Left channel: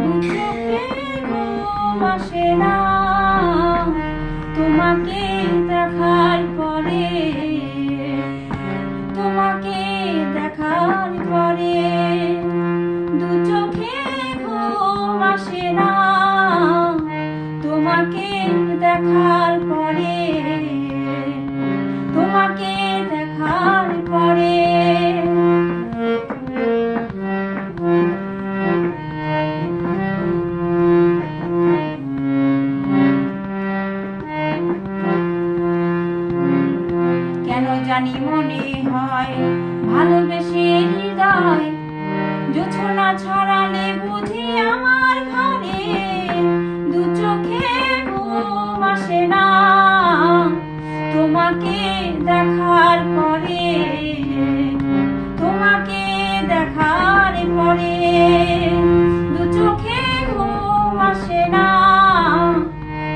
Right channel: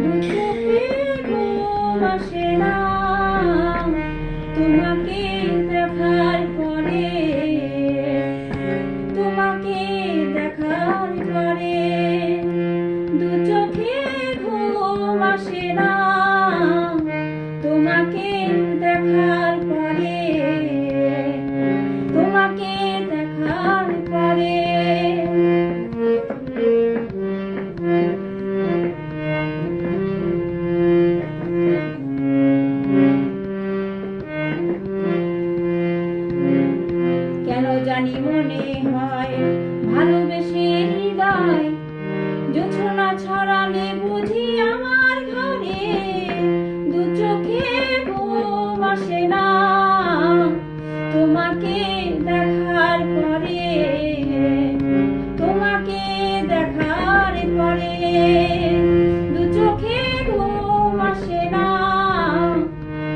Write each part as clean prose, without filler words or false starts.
চোখে ঘুম আসে না তোমাকে দেখার পরে, তোমাকে দেখার পরে। দু চোখে ঘুম আসে না তোমাকে দেখার পরে, তোমাকে দেখার পরে। কেন জানি মনে হয় ভালোবেসে হৃদয় জোছনা ছড়ালে বুঝি আমার ঘরে। দু চোখে ঘুম আসে না তোমাকে দেখার পরে, তোমাকে দেখার পরে। দু চোখে ঘুম আসে না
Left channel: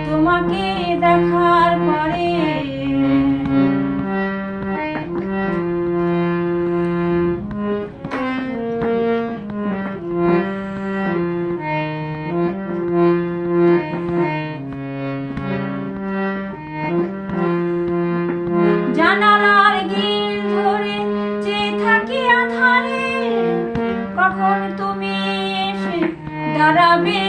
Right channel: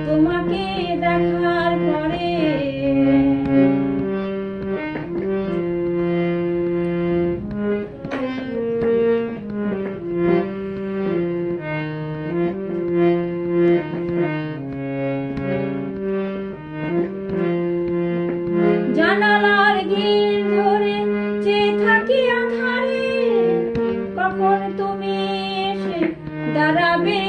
তোমাকে দেখার পরে। জানালার গ্রিল ধরে চেয়ে থাকি আঁধারে, কখন তুমি এসে দাঁড়াবে।